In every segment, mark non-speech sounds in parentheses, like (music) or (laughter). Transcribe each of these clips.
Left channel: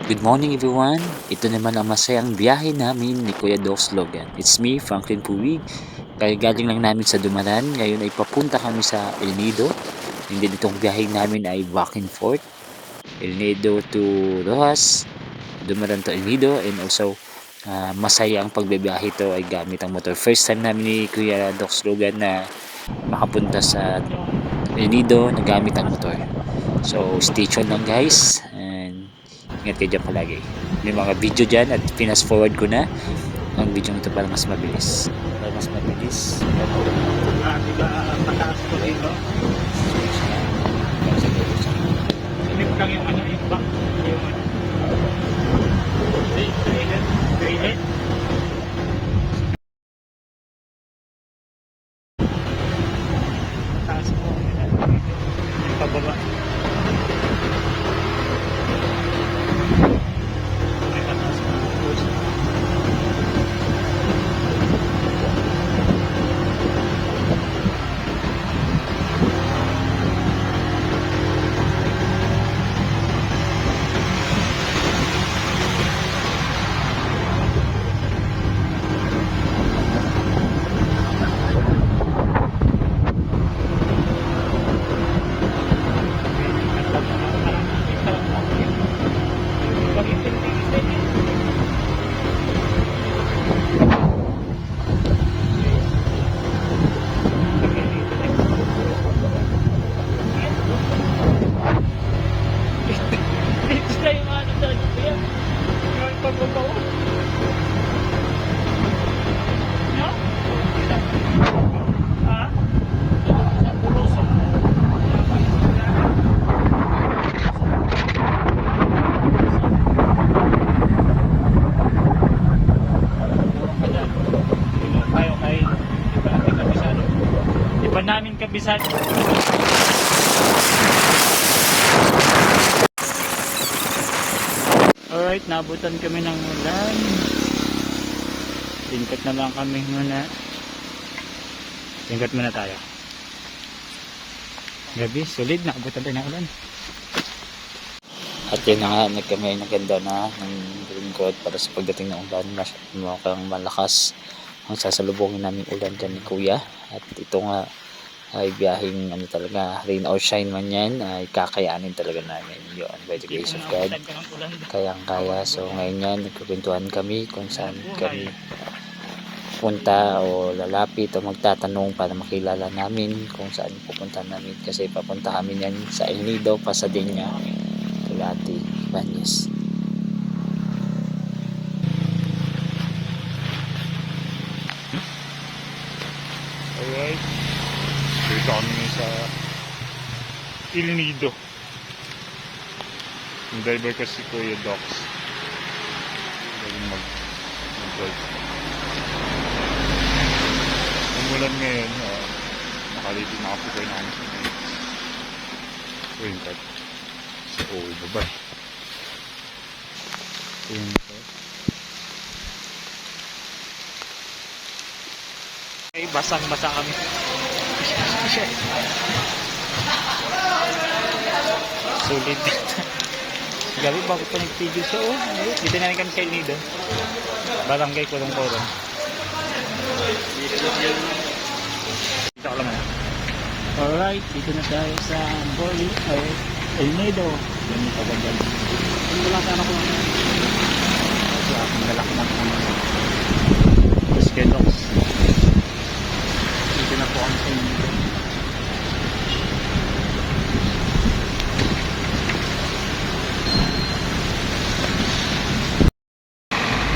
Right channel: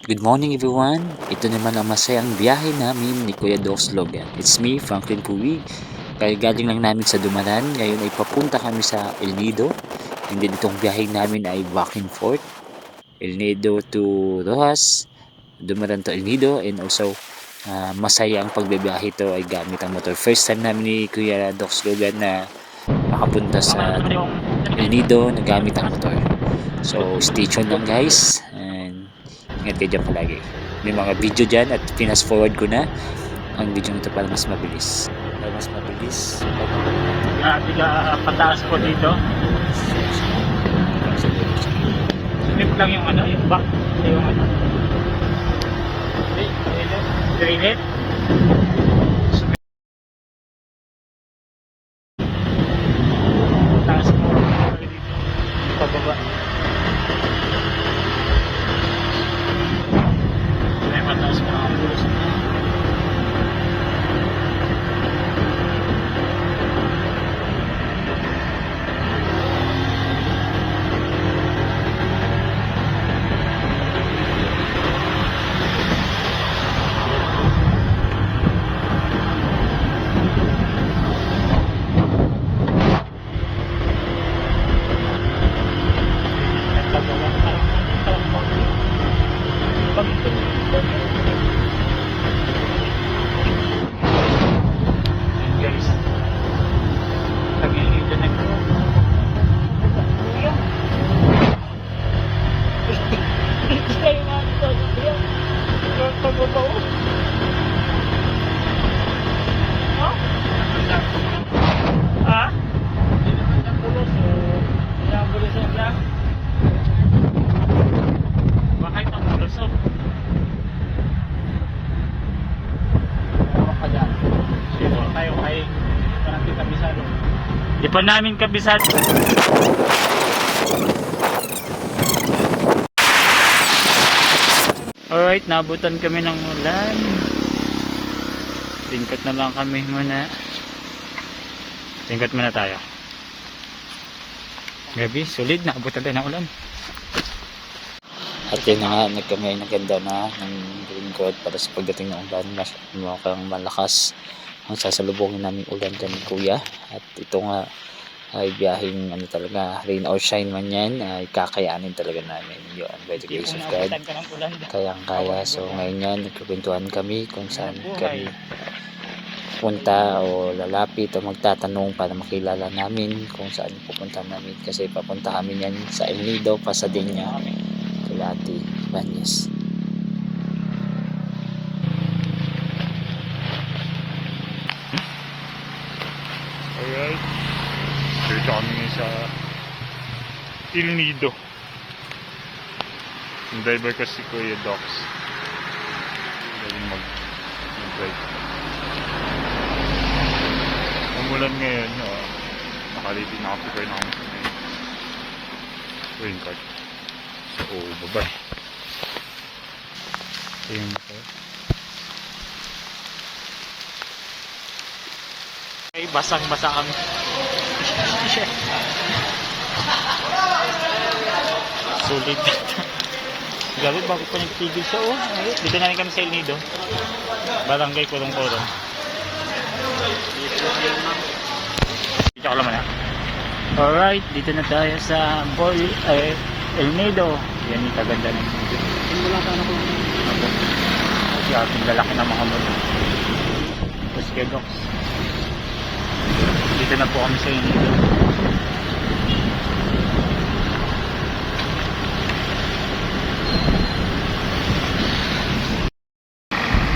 Good morning everyone. Ito naman ang masayang biyahe namin ni Kuya Docs Logan. It's me, Franklin Puwig. Kaya galing lang namin sa Dumaran. Ngayon ay papunta kami sa El Nido. And then itong biyahe namin ay back and forth. El Nido to Rojas. Dumaran to El Nido. And also ah, masaya ang pagbibiyahe ito ay gamit ang motor. First time namin ni Kuya Docs Logan na makapunta sa El Nido na gamit ang motor. So stay tuned lang guys. Ingat kayo dyan palagi. May mga video dyan at pinas forward ko na ang video nito para mas mabilis. Para mas mabilis. Para. Ah, tiga ah, pataas po dito. Sunod lang yung ano, yung back. Yung ano. Teka. Granite. Taas po. Pababa. Iba namin kabisado. Alright, nabutan kami ng ulan. Tingkat na lang kami muna. Tingkat muna tayo. Gabi, solid, naabutan tayo ng ulan. At yun na nga, nagkami ay naganda na ng green coat para sa pagdating ng ulan. Mukhang malakas ang sasalubungin namin ulan dyan ni Kuya. At ito nga ay biyaheng ano talaga, rain or shine man yan, ay kakayanin talaga namin yun by the grace of God. kayang kaya. So ngayon yan, nagkukwentuhan kami kung saan kami punta o lalapit o magtatanong para makilala namin kung saan pupunta namin. Kasi papunta kami yan sa El Nido, Pasadena, Calati, Banyes. Alright. Dito sa Il Nido. Yung driver kasi Kuya Docs. Galing mag mag-drive. Umulan ngayon. Uh, nakaliti nakaprepare na kami sa. Green card. So, oh, bye-bye. Yung motor. Ay, basang-basa kami. Sulit dito. Gabi, bago pa nagpigil siya, oh. Ayun, Dito na rin kami sa El Nido. Barangay Kulong-Kulong. Dito ka naman. Alright, dito na tayo sa Boy, eh, El Nido. Yan yung kagandang. Wala pa na ko. Grabe, ang lalaki ng mga mga. Tapos kay Docs. Dito na po sa inyo.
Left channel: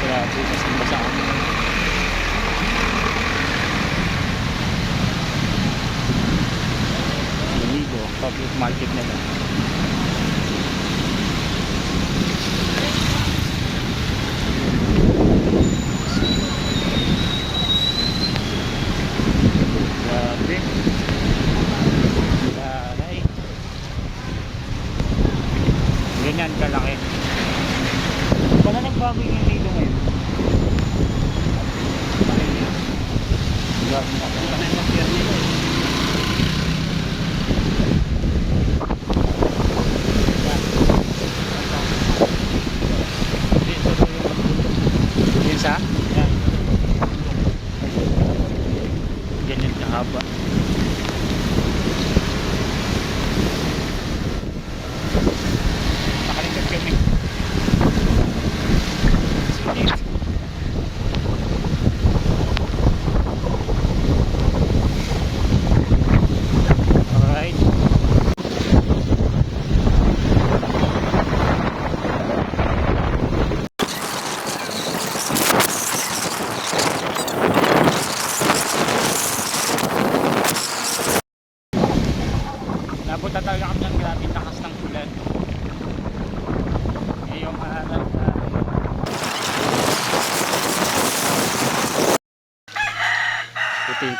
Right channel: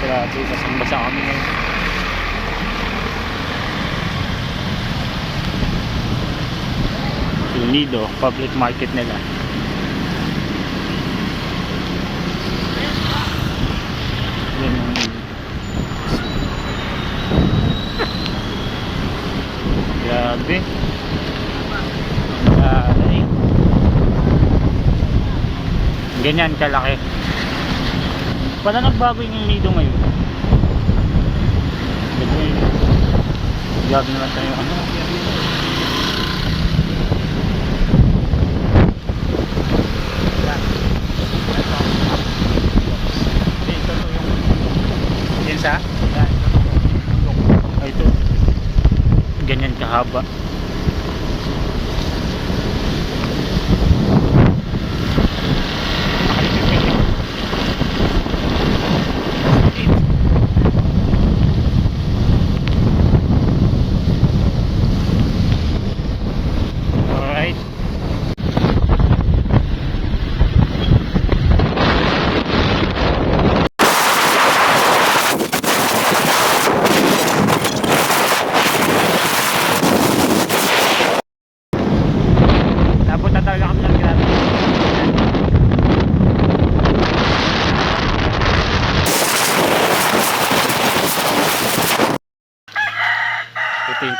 Grabe, basang basa kami ngayon. Nido, public market nila. ganyan kalaki. Pala nagbago yung nido ngayon. Gabi na tayo. Ganyan kahaba.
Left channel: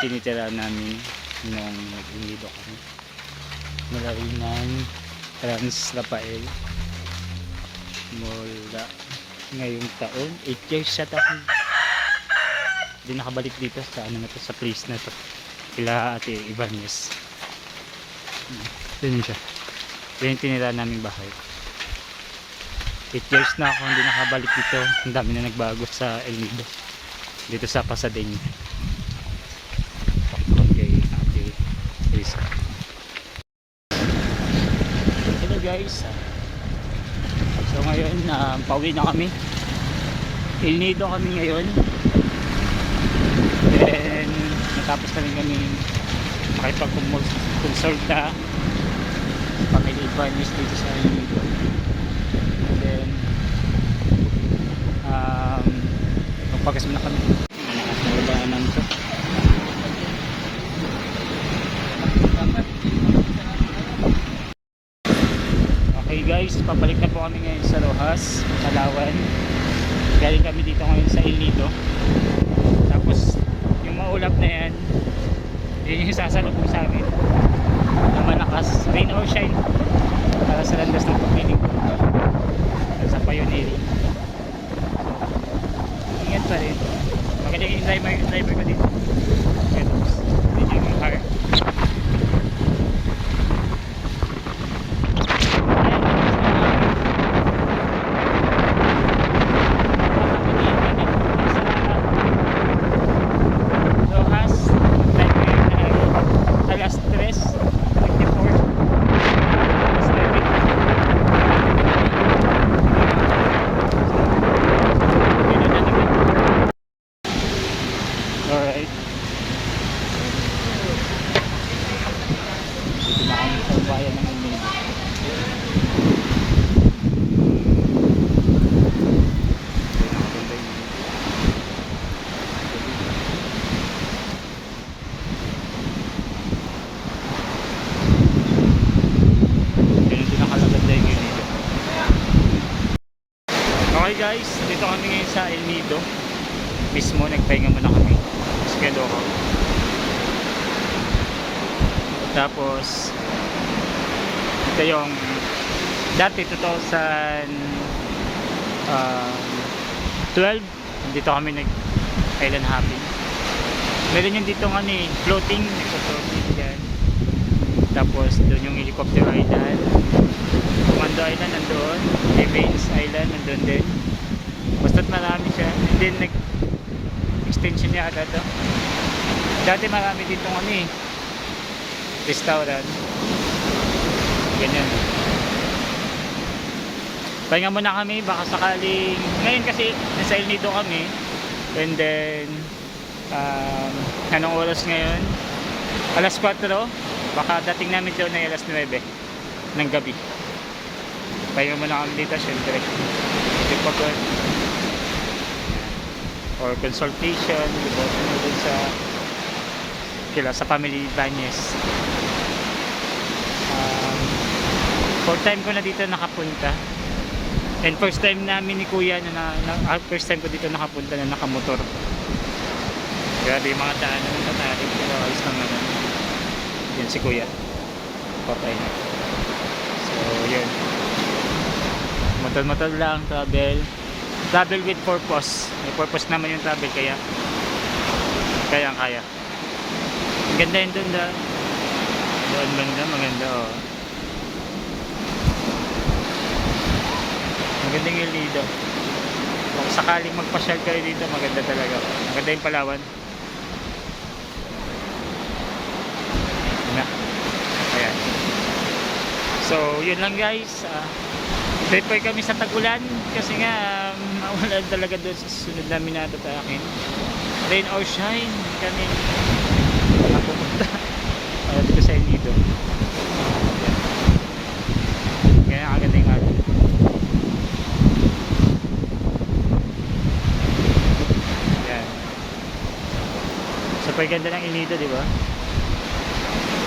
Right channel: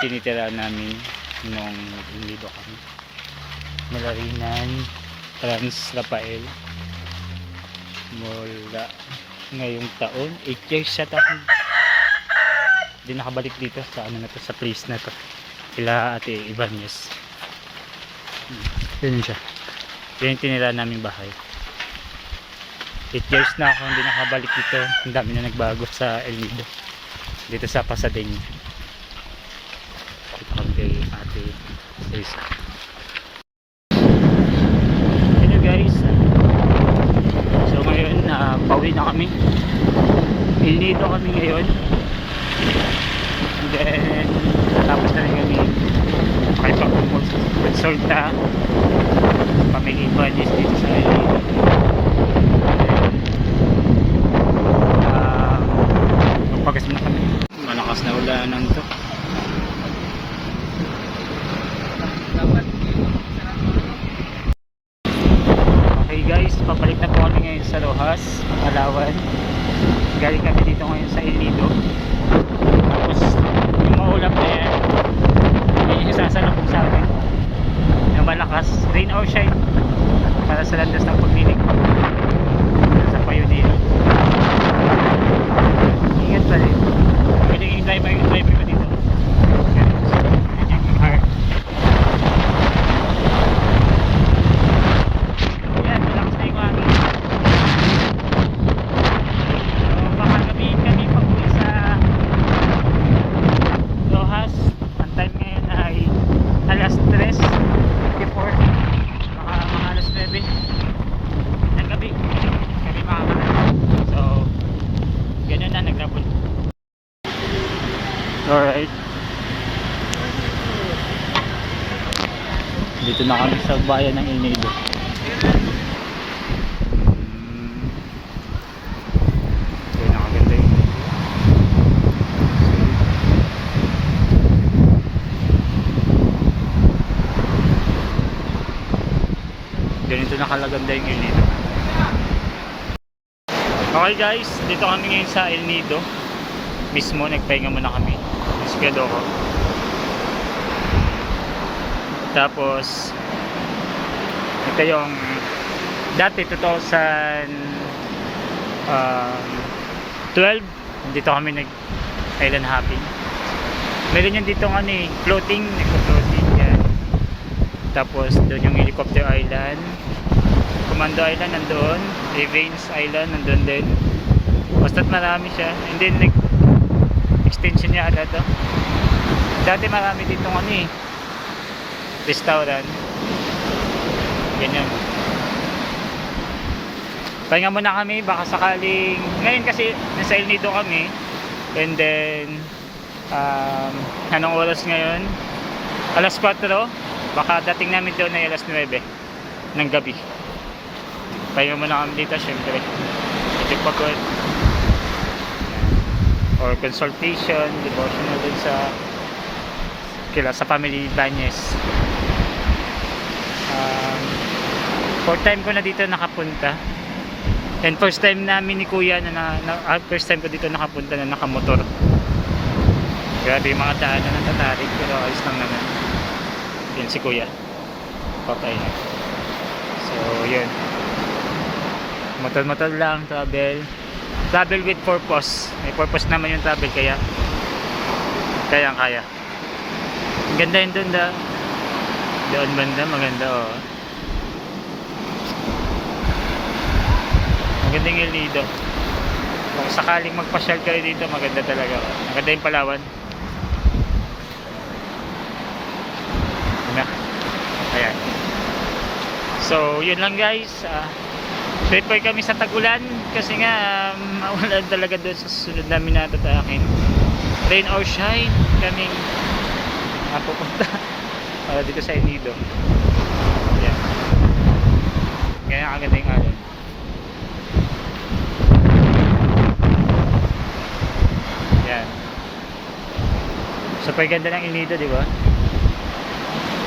Ito yung tinitira namin nung nag-inido kami. Malarinan, Trans Rafael. Mula ngayong taon. 8 years siya taon. Hindi nakabalik dito sa ano na to, sa place na to. Kila ate Ibanez. Yun yun siya. Yun yung tinira naming bahay. 8 years na ako hindi nakabalik dito. Ang dami na nagbago sa El Nido. Dito sa Pasadena. Ako kay ate Elisa. Hello guys. So ngayon, uh, pauwi na kami. El Nido kami ngayon. Then, tapos na rin kami makipag-consult na family Ibanez dito sa. Then, um, magpagas muna kami. Malakas na ulanan to. Okay guys, pabalik na po kami ngayon sa Rojas, Palawan. Galing kami dito ngayon sa El Nido. Tapos, yung maulap na yan, yun yung sasalubong sa amin. Na malakas, rain or shine, para sa landas ng pagdinig. Sa Pioneer. Ingat pa rin. Yan yung driver, driver ko dito. Yan yung car. las 3 de Okay guys, dito kami ngayon sa El Nido. Mismo, nagpahinga muna kami. Skado ko. Tapos, ito yung dati 2000 um, 12 dito kami nag island hopping. Meron yung dito ano eh floating nagpo-floating yan. Tapos doon yung helicopter island. Commando island nandoon. Evans island nandoon din basta't marami siya. And then nag extension niya ata to dati marami dito ano eh. Restaurant. Ganyan. Pahinga muna kami baka sakaling ngayon kasi nasa El Nido kami. And then um, anong oras ngayon? Alas 4 baka dating namin doon ay alas 9 ng gabi. Pahinga muna kami dito syempre. Ito pagod or consultation devotional din sa kila sa family Ibanez um, fourth time ko na dito nakapunta. And first time namin ni kuya na, na, na ah, first time ko dito nakapunta na nakamotor. Grabe yung mga daan na natatarik pero ayos lang naman. Yun si kuya. Papay na. So yun. Motor motor lang travel travel with purpose may purpose naman yung travel kaya kaya kaya ang ganda yun doon da doon banda maganda oh magandang El Nido kung sakaling magpasyal kayo dito, maganda talaga. Maganda yung Palawan. Na. Ayan. So, yun lang guys. Uh, Prepare kami sa tagulan kasi nga um, (laughs) talaga doon sa susunod namin na tatakin. Rain or shine, kaming napupunta (laughs) para dito sa Enido. Ayan. Kaya kaganda yung araw. Yan. Super ganda ng Enido, di ba?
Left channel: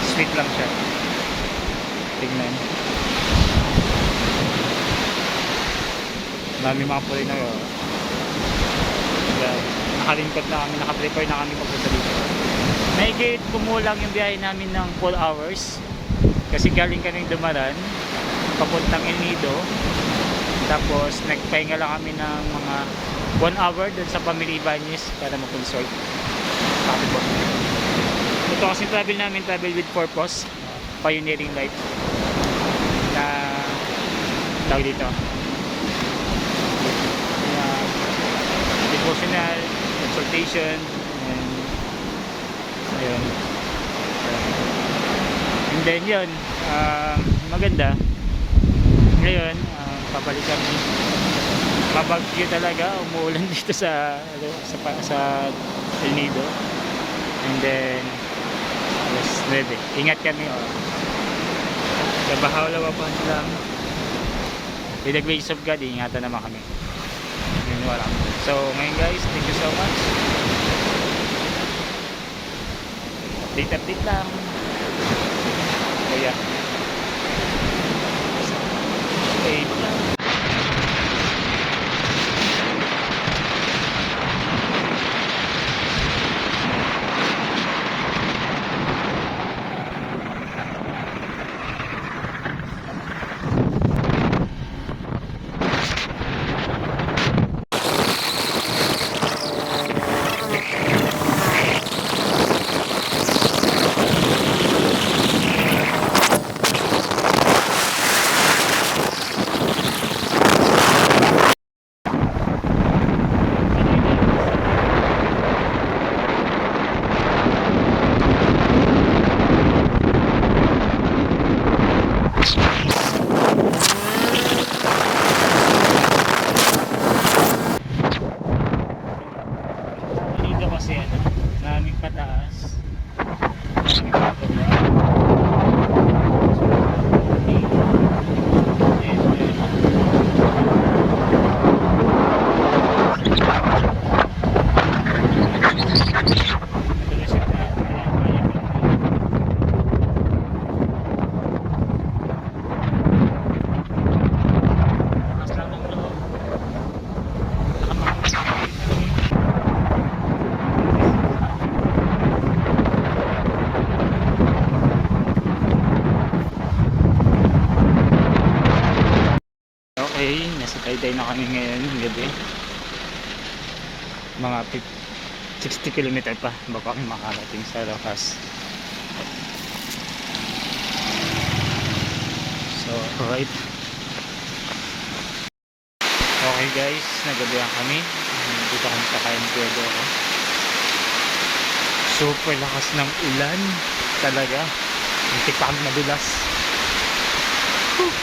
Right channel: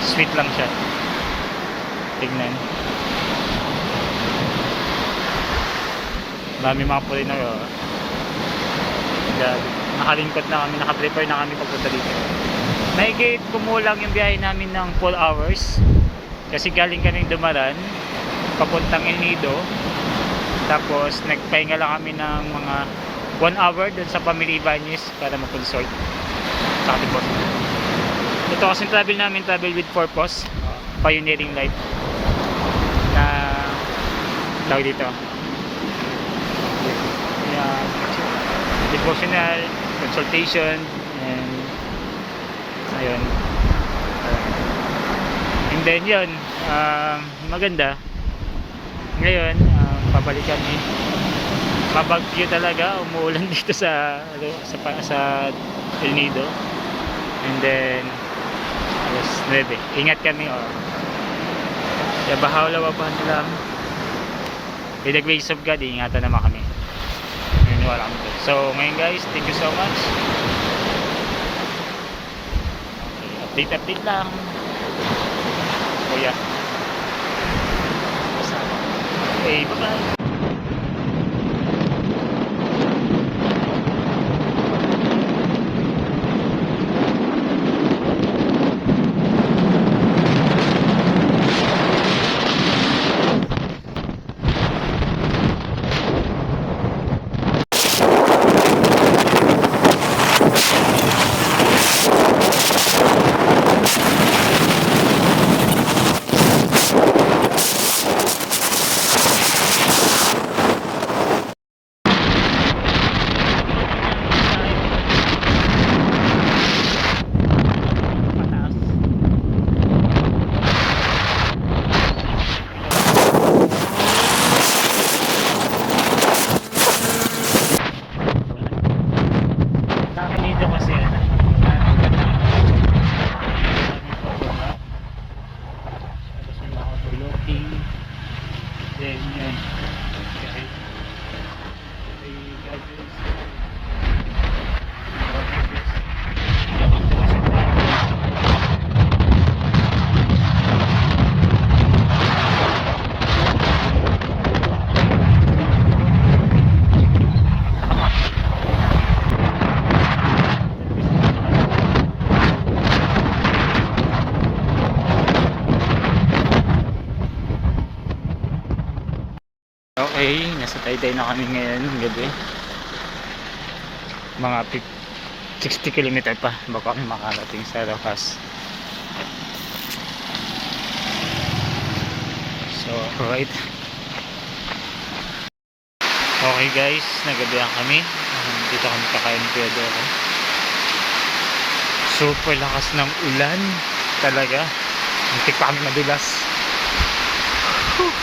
Sweet lang siya. Tignan. Marami mga puloy na. Grabe. Nakalingkot na kami, nakaprepare na kami pagpunta dito. Mahigit kumulang yung biyahe namin ng 4 hours. Kasi galing kaming dumaran, papuntang El Nido. Tapos nagpahinga lang kami ng mga 1 hour dun sa Family Ibanez para mag-consult. Sabi po. Ito kasi travel namin, travel with purpose. Pioneering life. Na tawag dito. Yeah, devotional, consultation, and ayun. And then yun, um, maganda. Ngayon, um, pabalik kami. Mabagyo talaga, umuulan (laughs) dito sa ano, sa sa El Nido. And then alas 9. Ingat kami oh. Sa bahawla wa pa lang. With the grace of God, ingatan naman kami. Naniniwala kami doon. So, ngayon guys, thank you so much. Update, update lang. So, yeah. Okay, bye-bye. Dito kasi ano, maraming kataas. Okay, nasa Taytay na kami ngayon gabi. Mga fif- 60 km pa bago kami makarating sa Rojas. So, alright. Okay guys, nagabihan kami. Dito kami kakain ng Kuya Doro. Super lakas ng ulan. Talaga. Muntik pa kami madulas. Whew.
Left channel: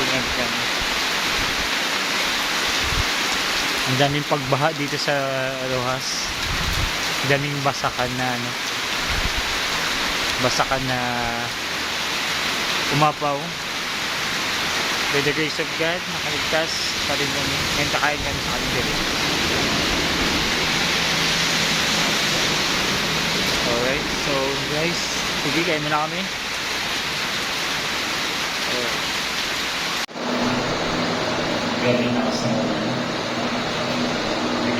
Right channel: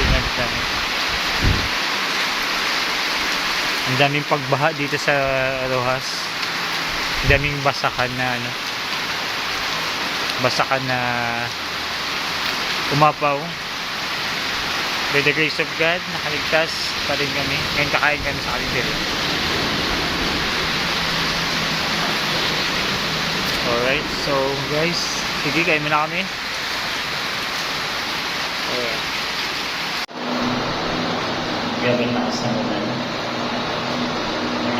Tingnan natin. Ang daming pagbaha dito sa Rojas. Ang daming basakan na ano. Basakan na umapaw. By the grace of God, nakaligtas pa rin kami. Ngayon kakain kami sa kalindiri. Alright, so guys, sige, kain muna kami. Alright. Ng ulan. Nag-evacuate na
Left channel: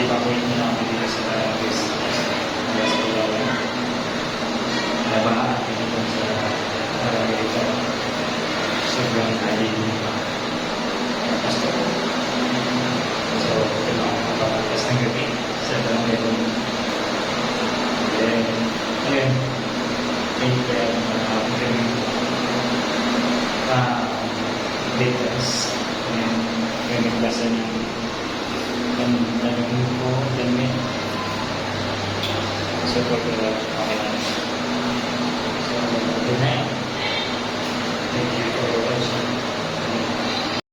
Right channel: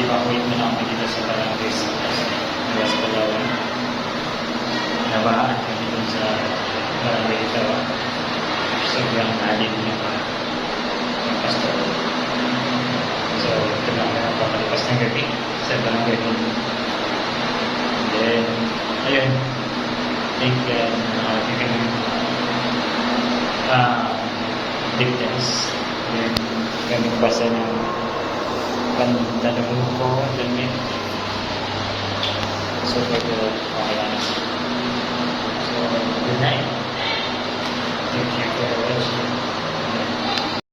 namin dito sa barangay sa West Palawan. Nabahaan kami dito sa barangay ito. Sobrang alim na pa. Pastor. So, ito na ako napapalipas ng gabi sa barangay ito. Then, ayun. Thank you. Nakakita ng ah, details. And nagbasa ng Lalagyan ko helmet. So, pwede rin. Okay lang. So, good night.